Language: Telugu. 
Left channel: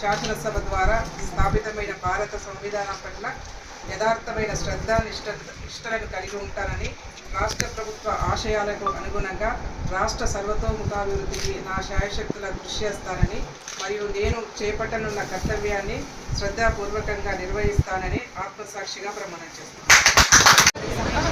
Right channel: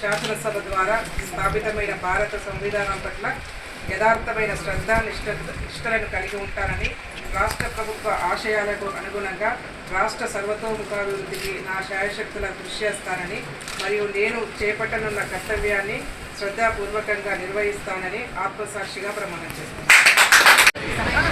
శాసనసభ ద్వారా స్థాపితమైన భారత సంవిధానం పట్ల యథార్థమైన శ్రద్ధ నిష్ట నిష్టలను కలిగి ఉంటానని రాష్ట్ర ప్రభుత్వ ఆశయాలకు అనుగుణంగా రాష్ట్ర సర్వతోముఖాభివృద్ధికి నా శాయశక్తుల కృషి చేస్తానని మరియు నేను చేపట్టనున్న కర్తవ్యాన్ని శ్రద్ధాపూర్వకంగా నిర్వహిస్తానని ఆత్మసాక్షిగా ప్రమాణం చేస్తున్నాను.